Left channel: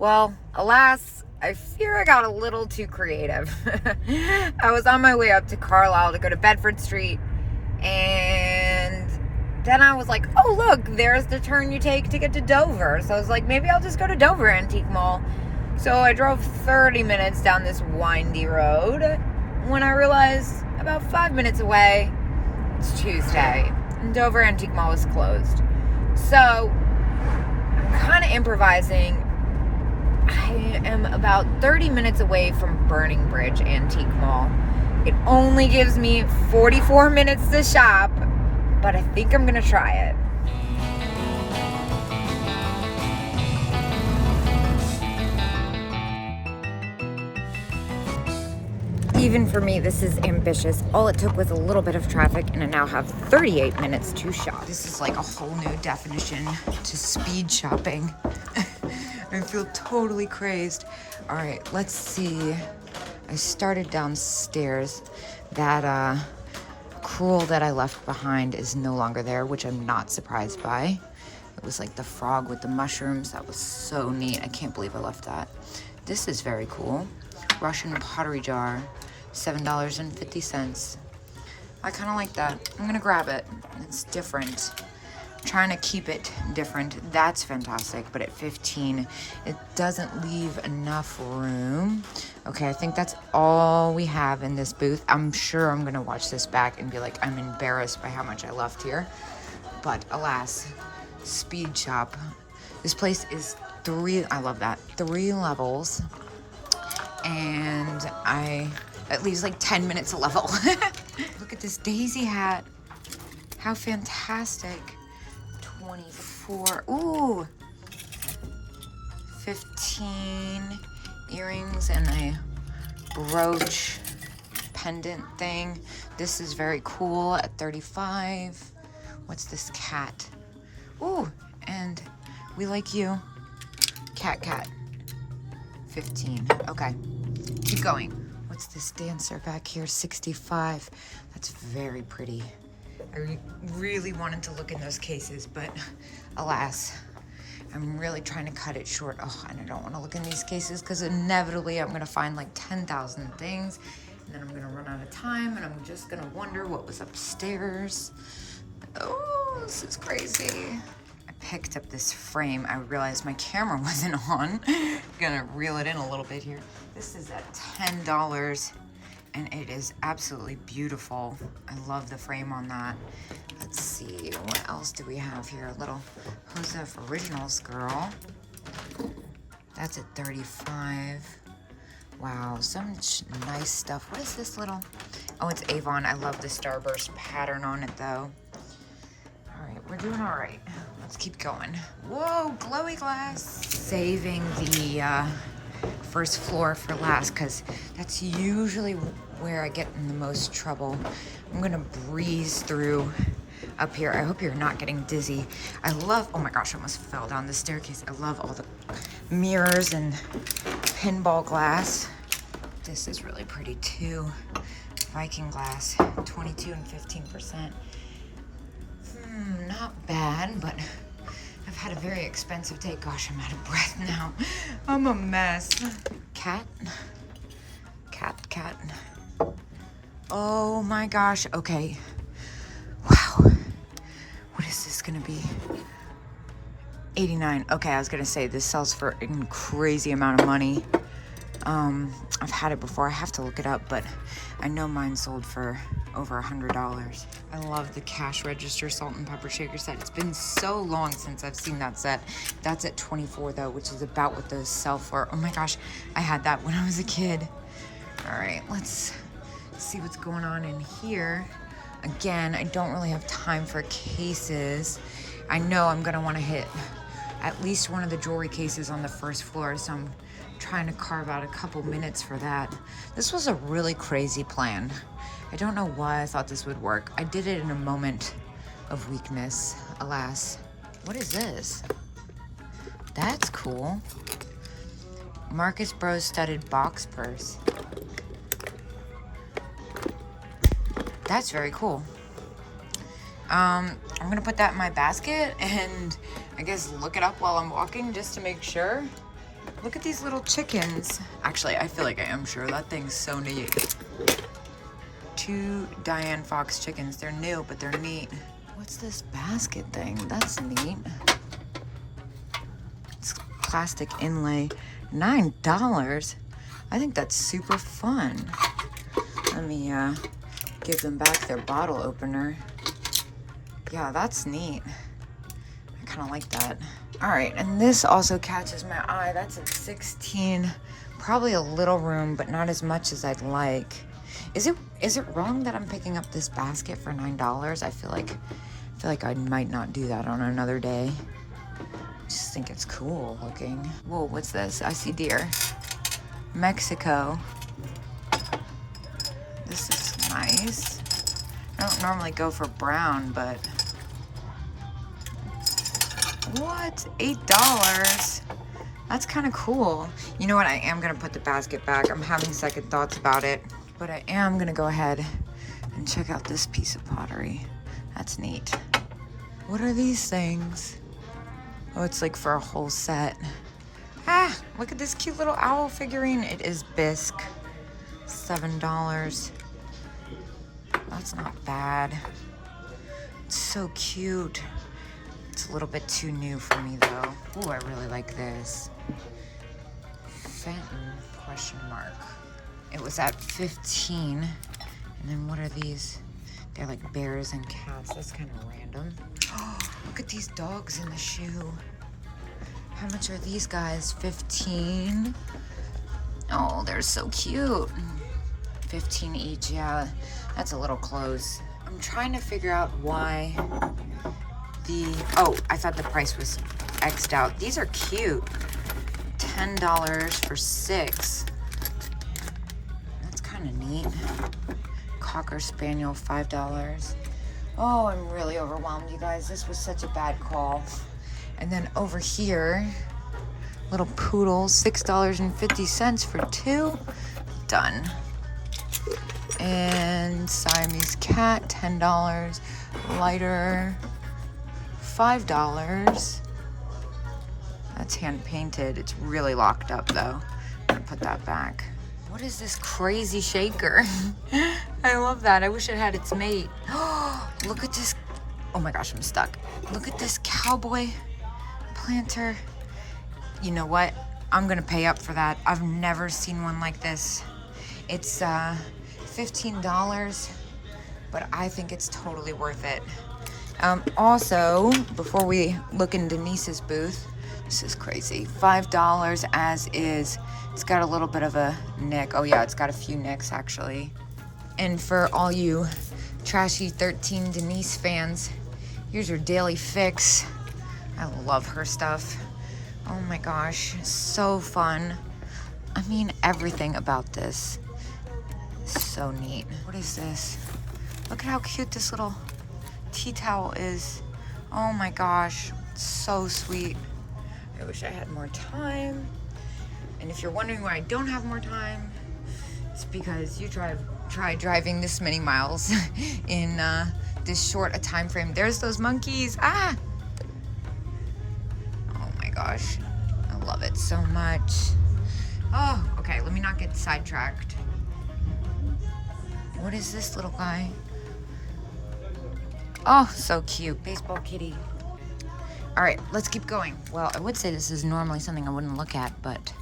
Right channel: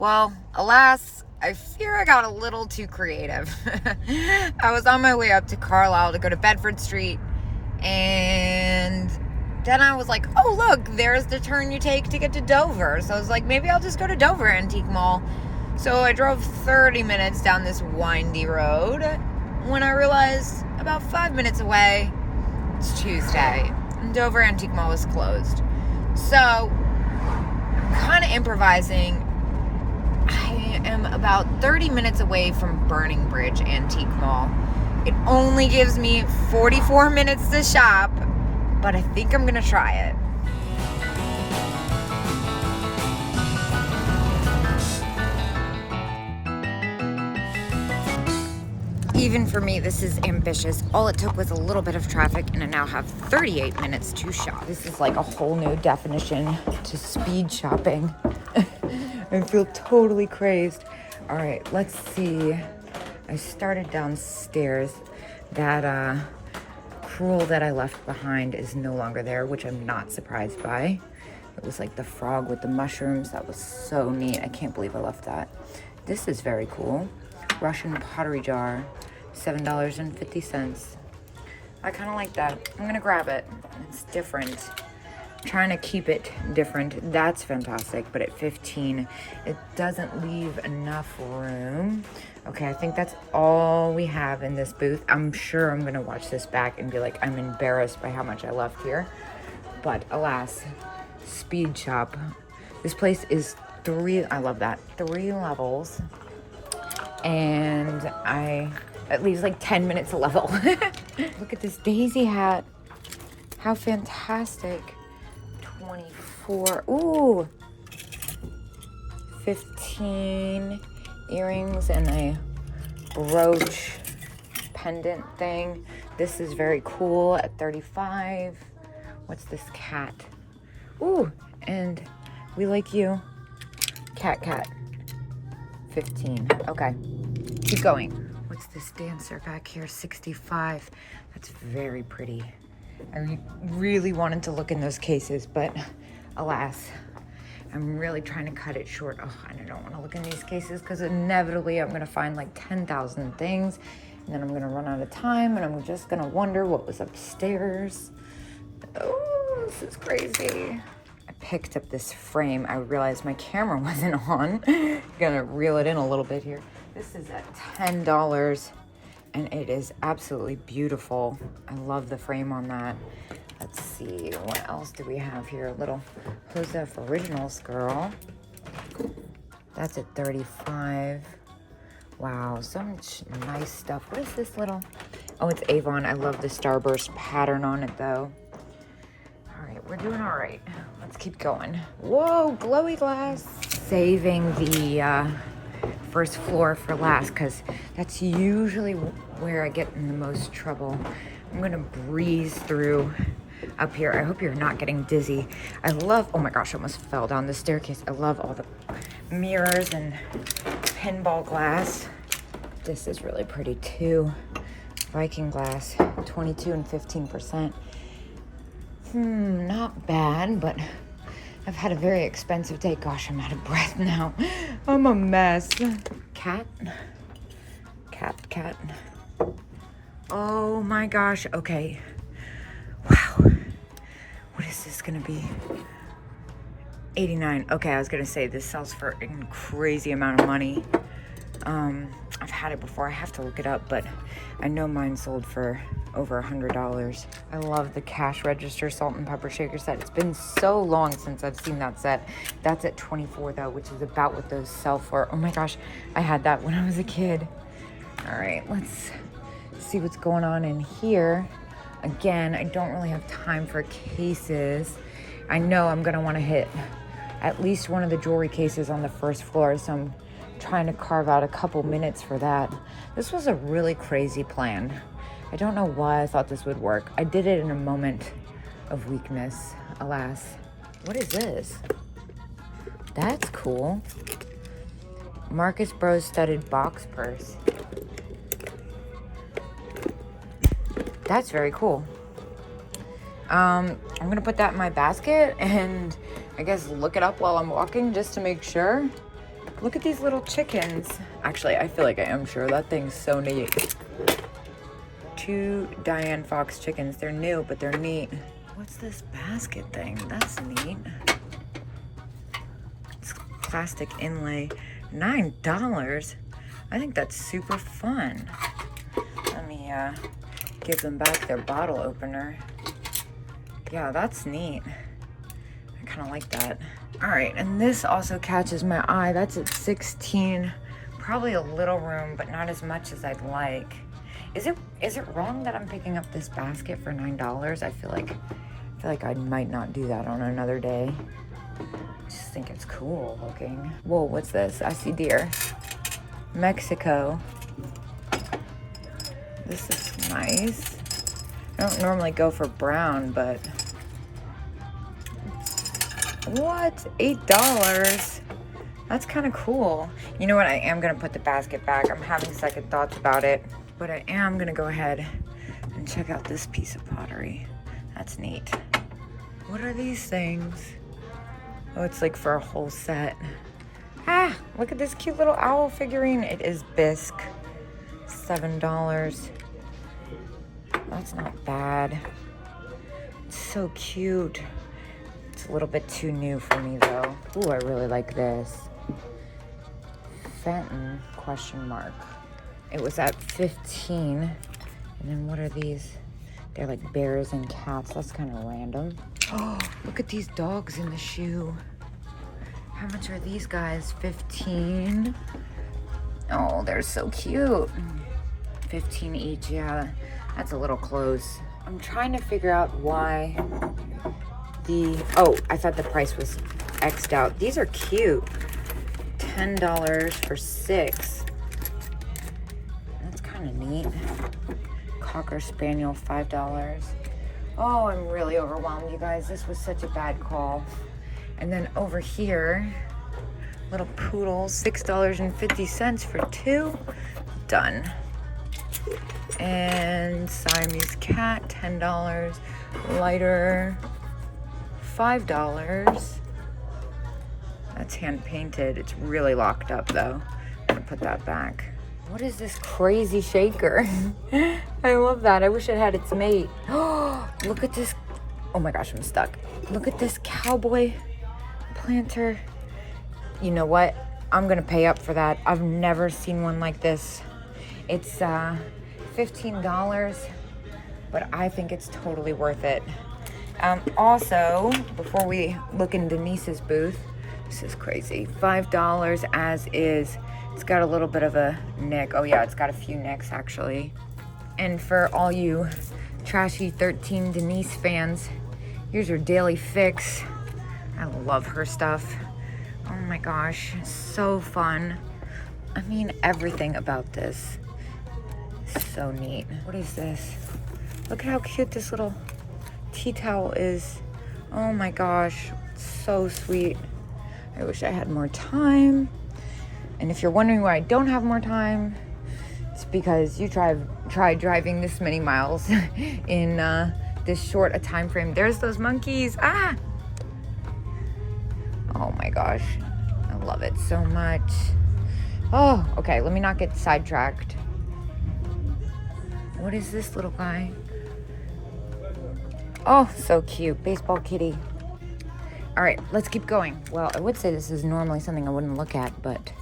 Well, alas, I fear I got a little too creative. I was on my way up to Carlisle to go to Bedford Street, and then I was like, oh look, there's the turn you take to get to Dover. So I was like, maybe I'll just go to Dover Antique Mall. So I drove 30 minutes down this windy road when I realized about 5 minutes away, it's Tuesday, and Dover Antique Mall was closed. So I'm kind of improvising. I am about 30 minutes away from Burning Bridge Antique Mall. It only gives me 44 minutes to shop, but I think I'm gonna try it. Even for me, this is ambitious. All it took was a little bit of traffic, and I now have 38 minutes to shop. This is like a whole new definition to speed shopping. I feel totally crazed. All right, let's see. I started downstairs. That cruel that I left behind is no longer there, which I'm not surprised by. It was like the frog with the mushrooms. That was so neat. I can't believe I left that. This is very cool. Russian pottery jar, $7.50. I kind of like that. I'm gonna grab it. It's different. I'm trying to keep it different. That's fantastic, but at 15, it doesn't leave enough room. Okay, I think that's all we have in this booth. I'm sure I'm gonna watch this back and be like, I'm embarrassed by how much I left here. But alas, speed shop. This place is I love that, 3 levels. And it leaves like 10 minutes a level. Look at this daisy hat. How fantastic. 24, ooh. 15 earrings and a brooch pendant thing. This is very cool at 35. What's this cat? Ooh, and we like you. Cat. 15. Okay, keep going. What's this dancer back here? 65. That's very pretty. I really wanted to look in those cases, but alas, I'm really trying to cut it short. Oh, I don't want to look in these cases because inevitably I'm going to find like 10,000 things, and then I'm going to run out of time, and I'm just going to wonder what was upstairs. Oh, this is crazy. Picked up this frame. I realized my camera wasn't on. Gonna reel it in a little bit here. This is at $10 and it is absolutely beautiful. I love the frame on that. Let's see, what else do we have here? A little Joseph Originals girl. That's at 35. Wow, so much nice stuff. What is this little? Oh, it's Avon. I love the Starburst pattern on it though. All right, we're doing all right. Let's keep going. Whoa, glowy glass. Saving the first floor for last because that's usually where I get in the most trouble. I'm gonna breeze through up here. I hope you're not getting dizzy. I love, oh my gosh, I almost fell down the staircase. I love all the mirrors and pinball glass. This is really pretty too. Viking glass, 22 and 15%. Not bad, but I've had a very expensive day. Gosh, I'm out of breath now. I'm a mess. Cat. Oh my gosh, okay. Wow. What is this gonna be? 89. Okay, I was gonna say this sells for a crazy amount of money. I've had it before. I have to look it up, but I know mine sold for over $100. I love the cash register salt and pepper shaker set. It's been so long since I've seen that set. That's at 24 though, which is about what those sell for. Oh my gosh, I had that when I was a kid. All right, let's see what's going on in here. Again, I don't really have time for cases. I know I'm gonna wanna hit at least one of the jewelry cases on the first floor, so I'm trying to carve out a couple minutes for that. This was a really crazy plan. I don't know why I thought this would work. I did it in a moment of weakness, alas. What is this? That's cool. Marcus Bros studded box purse. That's very cool. I'm gonna put that in my basket and I guess look it up while I'm walking just to make sure. Look at these little chickens. Actually, I feel like I am sure that thing's so neat. 2 Diane Fox chickens. They're new, but they're neat. What's this basket thing? That's neat. It's plastic inlay. $9. I think that's super fun. Let me give them back their bottle opener. Yeah, that's neat. I kind of like that. All right, and this also catches my eye. That's at 16. Probably a little room, but not as much as I'd like. Is it wrong that I'm picking up this basket for $9? I feel like I might not do that on another day. I just think it's cool looking. Whoa, what's this? I see deer. Mexico. This is nice. I don't normally go for brown, but what? $8? That's kind of cool. You know what? I am gonna put the basket back. I'm having second thoughts about it, but I am gonna go ahead and check out this piece of pottery. That's neat. What are these things? Oh, it's like for a whole set. Ah, look at this cute little owl figurine. It is bisque. $7. That's not bad. It's so cute. It's a little bit too new for me though. Ooh, I really like this. Fenton, question mark. It was at 15. And then what are these? They're like bears and cats. That's kind of random. Oh, look at these dogs in the shoe. How much are these guys? 15. Oh, they're so cute. 15 each, yeah. That's a little close. I'm trying to figure out why oh, I thought the price was X'd out. These are cute. $10 for 6. That's kind of neat. Cocker Spaniel, $5. Oh, I'm really overwhelmed, you guys. This was such a bad call. And then over here, little poodles, $6.50 for 2. Done. And Siamese cat, $10. Lighter, $5. That's hand painted. It's really locked up though. I'm gonna put that back. What is this crazy shaker? I love that. I wish it had its mate. Look at this. Oh my gosh, I'm stuck. Look at this cowboy planter. You know what? I'm gonna pay up for that. I've never seen one like this. It's $15, but I think it's totally worth it. Also, before we look in Denise's booth, this is crazy. $5 as is. It's got a little bit of a nick. Oh yeah, it's got a few nicks actually. And for all you trashy 13 Denise fans, here's your daily fix. I love her stuff. Oh my gosh, so fun. I mean, everything about this is so neat. What is this? Look at how cute this little tea towel is. Oh my gosh, it's so sweet. I wish I had more time. And if you're wondering why I don't have more time, it's because you tried driving this many miles in this short a time frame. There's those monkeys. Ah! Oh my gosh, I love it so much. Oh, okay, let me not get sidetracked. What is this little guy? Oh, so cute, baseball kitty. All right, let's keep going. Well, I would say this is normally something I wouldn't look at, but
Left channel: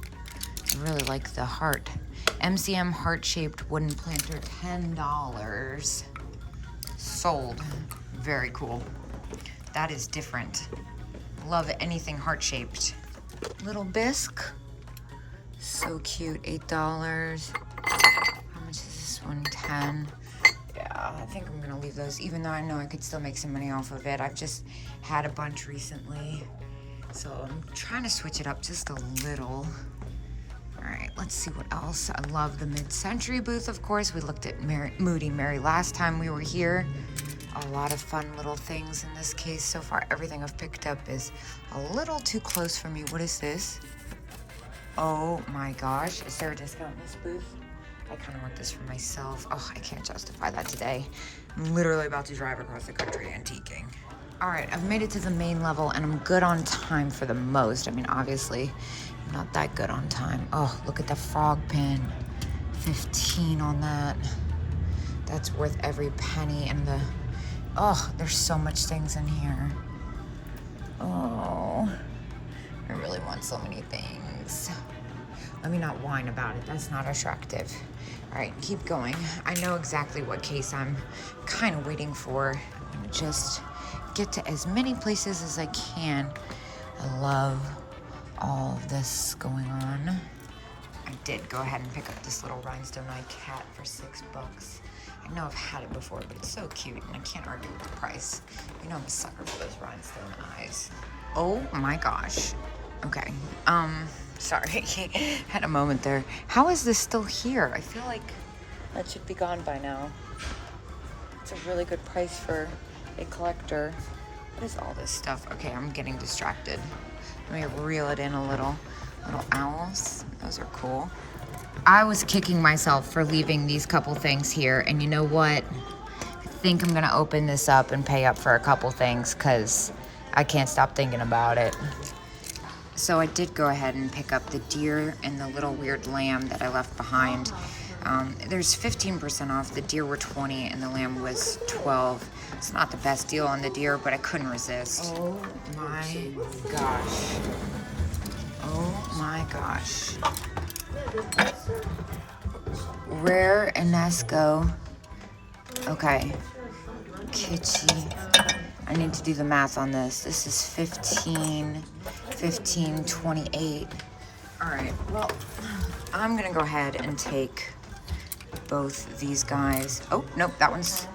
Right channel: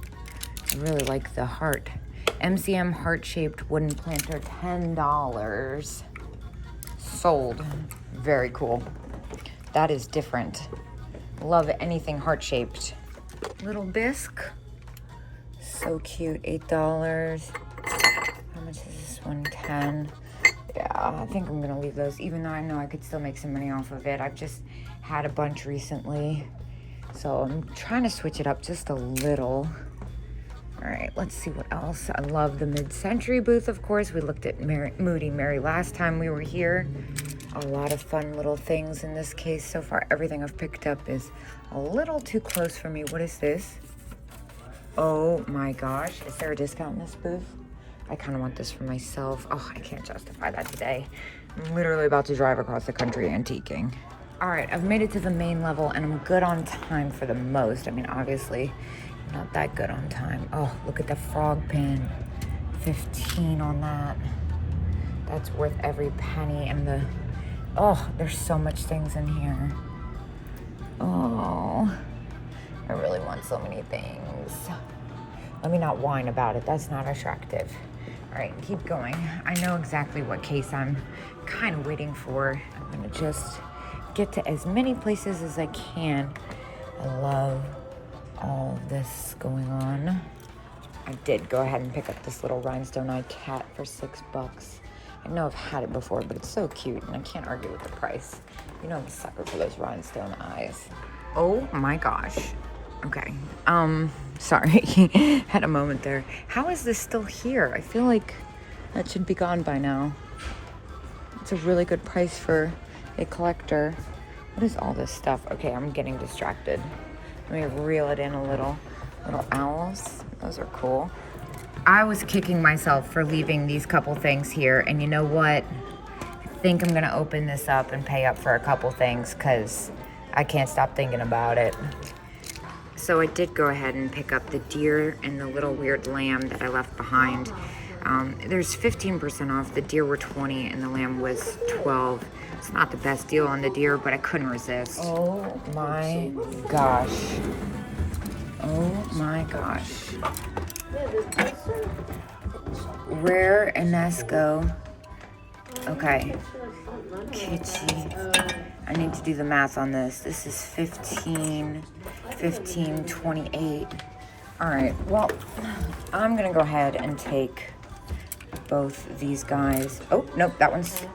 I really like the heart. MCM heart-shaped wooden planter, $10. Sold. Very cool. That is different. Love anything heart-shaped. Little bisque. So cute, $8. How much is this one? 10. Yeah, I think I'm gonna leave those, even though I know I could still make some money off of it. I've just had a bunch recently, so I'm trying to switch it up just a little. All right, let's see what else. I love the mid-century booth, of course. We looked at Moody Mary last time we were here. A lot of fun little things in this case. So far, everything I've picked up is a little too close for me. What is this? Oh my gosh, is there a discount in this booth? I kind of want this for myself. Oh, I can't justify that today. I'm literally about to drive across the country antiquing. All right, I've made it to the main level and I'm good on time for the most. I mean, obviously, Not that good on time. Oh, look at the frog pin. 15 on that. That's worth every penny. And the, oh, there's so much things in here. Oh, I really want so many things. Let me not whine about it. That's not attractive. All right, keep going. I know exactly what case I'm kind of waiting for. I'm gonna just get to as many places as I can. I love all of this going on. I did go ahead and pick up this little rhinestone eye cat for $6. I know I've had it before, but it's so cute and I can't argue with the price. You know I'm a sucker for those rhinestone eyes. Oh my gosh. Okay, sorry, had a moment there. How is this still here? I feel like that should be gone by now. It's a really good price for a collector. What is all this stuff? Okay, I'm getting distracted. Let me reel it in a little. Little owls, those are cool. I was kicking myself for leaving these couple things here, and you know what? I think I'm gonna open this up and pay up for a couple things because I can't stop thinking about it. So I did go ahead and pick up the deer and the little weird lamb that I left behind. There's 15% off. The deer were 20 and the lamb was 12. It's not the best deal on the deer, but I couldn't resist. Oh my gosh. Oh my gosh. Rare Enesco. Okay. Kitschy. I need to do the math on this. This is 15, 28. All right, well, I'm gonna go ahead and take both these guys. Oh, nope, that one's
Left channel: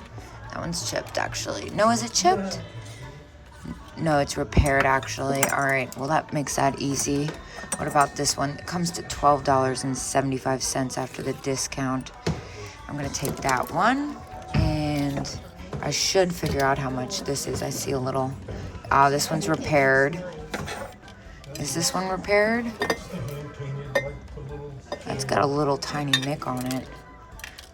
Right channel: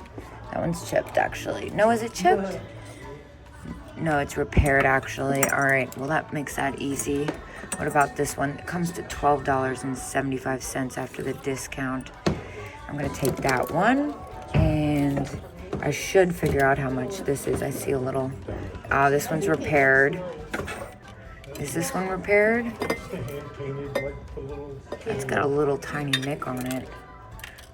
chipped actually. No, is it chipped? No, it's repaired actually. All right, well that makes that easy. What about this one? It comes to $12.75 after the discount. I'm gonna take that one, and I should figure out how much this is. I see a little, this one's repaired. Is this one repaired? It's got a little tiny nick on it,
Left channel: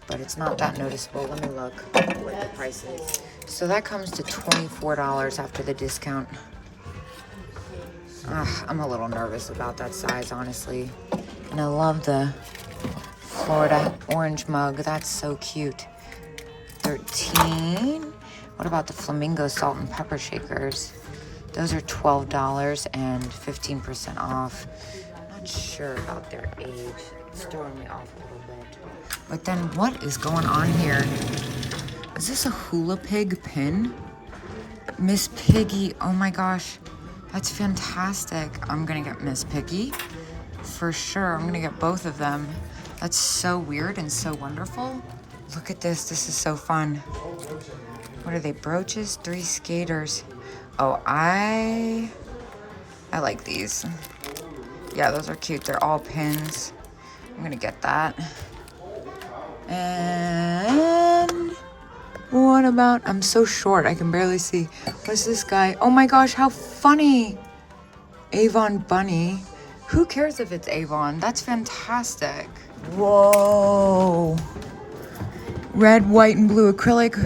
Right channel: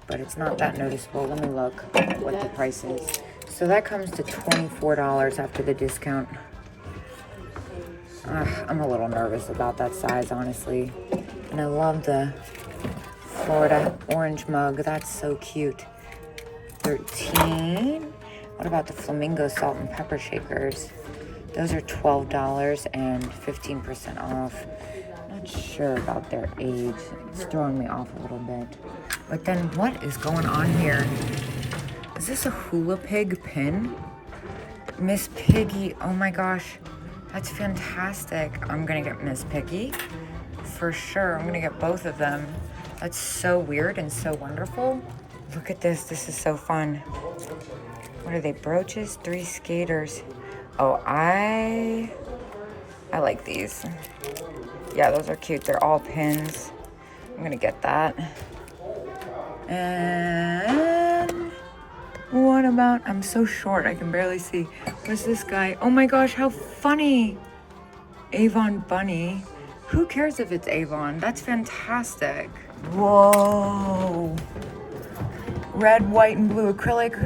but it's not that noticeable. Let me look what the price is. So that comes to $24 after the discount. I'm a little nervous about that size, honestly. And I love the Florida orange mug. That's so cute. 13. What about the flamingo salt and pepper shakers? Those are $12 and 15% off. Not sure about their age. It's throwing me off a little bit. But then what is going on here? Is this a hula pig pin? Miss Piggy, oh my gosh. That's fantastic. I'm gonna get Miss Piggy for sure. I'm gonna get both of them. That's so weird and so wonderful. Look at this, this is so fun. What are they, brooches? 3 skaters. Oh, I like these. Yeah, those are cute. They're all pins. I'm gonna get that. And what about, I'm so short, I can barely see. Where's this guy? Oh my gosh, how funny. Avon Bunny. Who cares if it's Avon? That's fantastic. Whoa. Red, white, and blue acrylic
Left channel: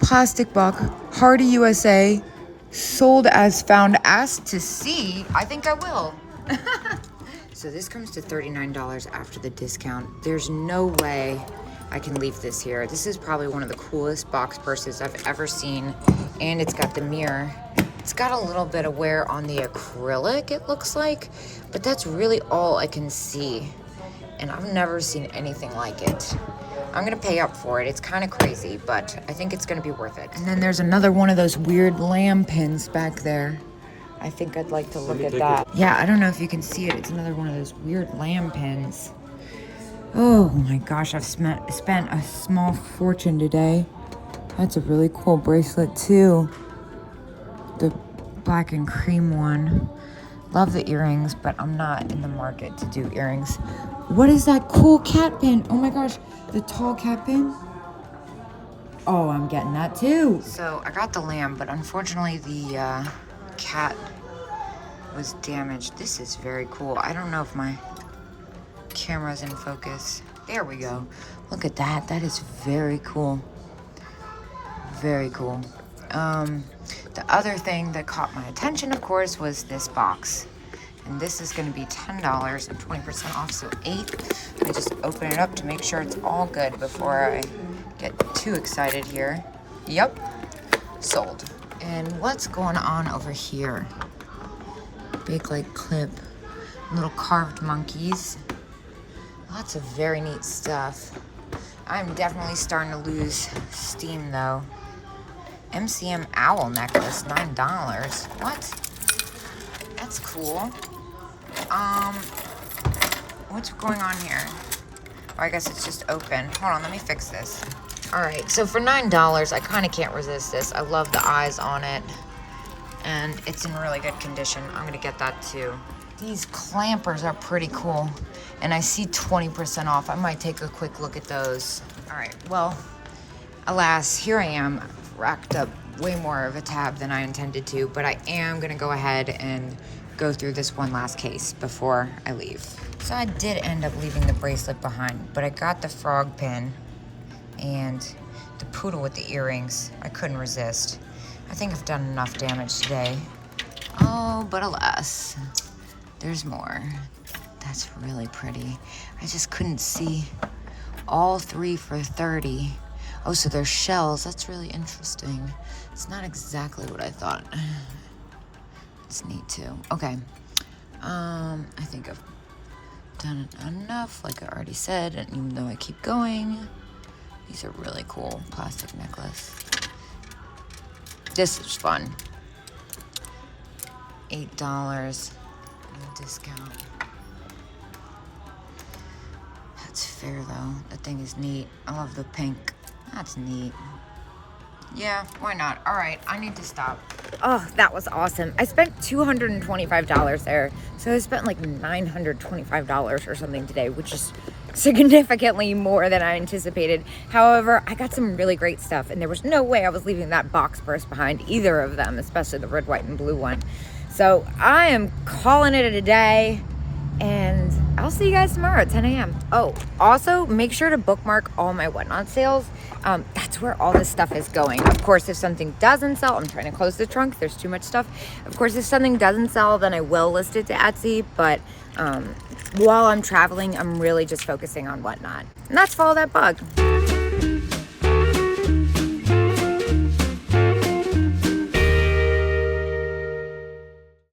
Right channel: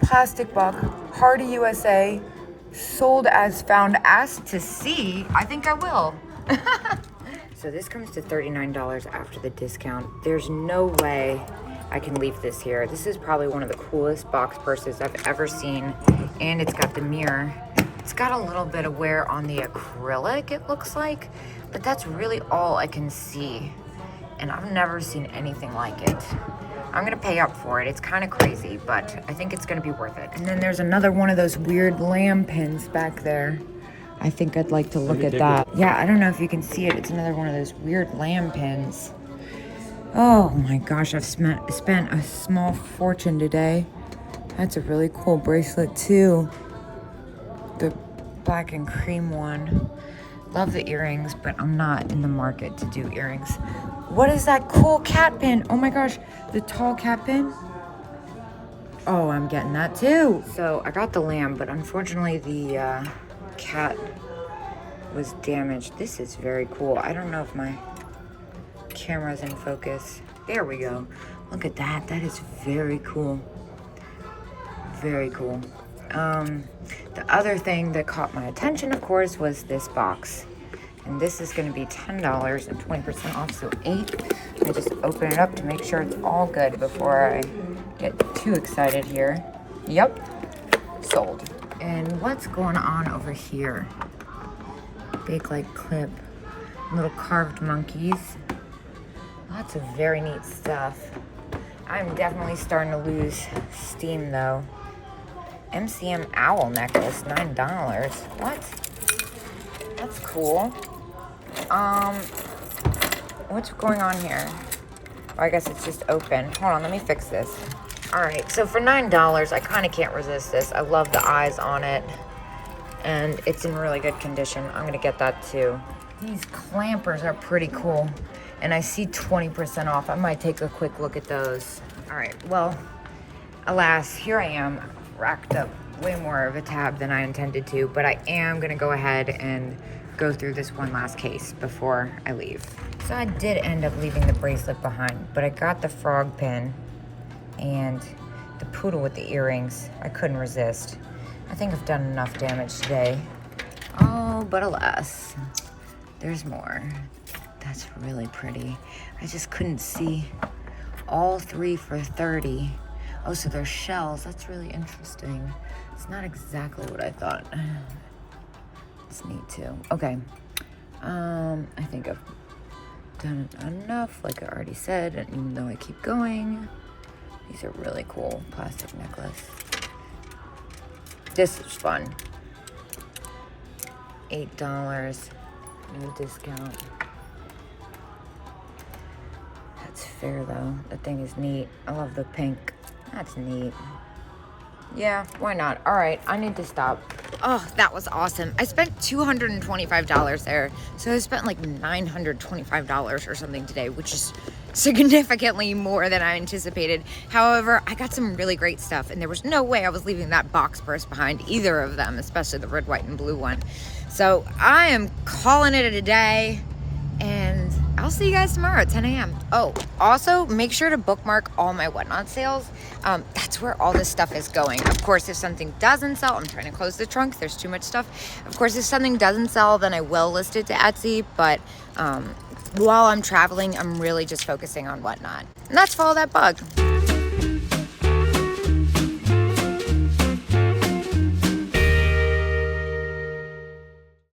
plastic buck, Hardy USA, sold as found. Asked to see. I think I will. So this comes to $39 after the discount. There's no way I can leave this here. This is probably one of the coolest box purses I've ever seen. And it's got the mirror. It's got a little bit of wear on the acrylic, it looks like, but that's really all I can see. And I've never seen anything like it. I'm gonna pay up for it. It's kind of crazy, but I think it's gonna be worth it. And then there's another one of those weird lamb pins back there. I think I'd like to look at that. Yeah, I don't know if you can see it. It's another one of those weird lamb pins. Oh my gosh, I've spent a small fortune today. That's a really cool bracelet too. The black and cream one. Love the earrings, but I'm not in the market to do earrings. What is that cool cat pin? Oh my gosh, the tall cat pin. Oh, I'm getting that too. So I got the lamb, but unfortunately the cat was damaged. This is very cool. I don't know if my camera's in focus. There we go. Look at that. That is very cool. Very cool. The other thing that caught my attention, of course, was this box. And this is gonna be $10 and 20% off, so 8. Let me just open it up to make sure it's all good before I get too excited here. Yep, sold. And what's going on over here? Big like clip, little carved monkeys. Lots of very neat stuff. I'm definitely starting to lose steam though. MCM owl necklace, $9. What? That's cool. What's going on here? Oh, I guess it's just open. Hold on, let me fix this. All right, so for $9, I kind of can't resist this. I love the eyes on it, and it's in really good condition. I'm gonna get that too. These clampers are pretty cool, and I see 20% off. I might take a quick look at those. All right, well, alas, here I am, racked up way more of a tab than I intended to, but I am gonna go ahead and go through this one last case before I leave. So I did end up leaving the bracelet behind, but I got the frog pin and the poodle with the earrings. I couldn't resist. I think I've done enough damage today. Oh, but alas, there's more. That's really pretty. I just couldn't see all 3 for 30. Oh, so they're shells. That's really interesting. It's not exactly what I thought. It's neat too. Okay. I think I've done enough, like I already said, and even though I keep going. These are really cool. Plastic necklace. This is fun. $8. No discount. That's fair though. That thing is neat. I love the pink. That's neat. Yeah, why not? All right, I need to stop. Oh, that was awesome. I spent $225 there. So I spent like $925 or something today, which is significantly more than I anticipated. However, I got some really great stuff, and there was no way I was leaving that box purse behind, either of them, especially the red, white, and blue one. So I am calling it a day, and I'll see you guys tomorrow at 10 a.m. Oh, also make sure to bookmark all my Whatnot sales. That's where all this stuff is going. Of course, if something doesn't sell, I'm trying to close the trunk. There's too much stuff. Of course, if something doesn't sell, then I will list it to Etsy. But while I'm traveling, I'm really just focusing on Whatnot. And that's Follow That Bug.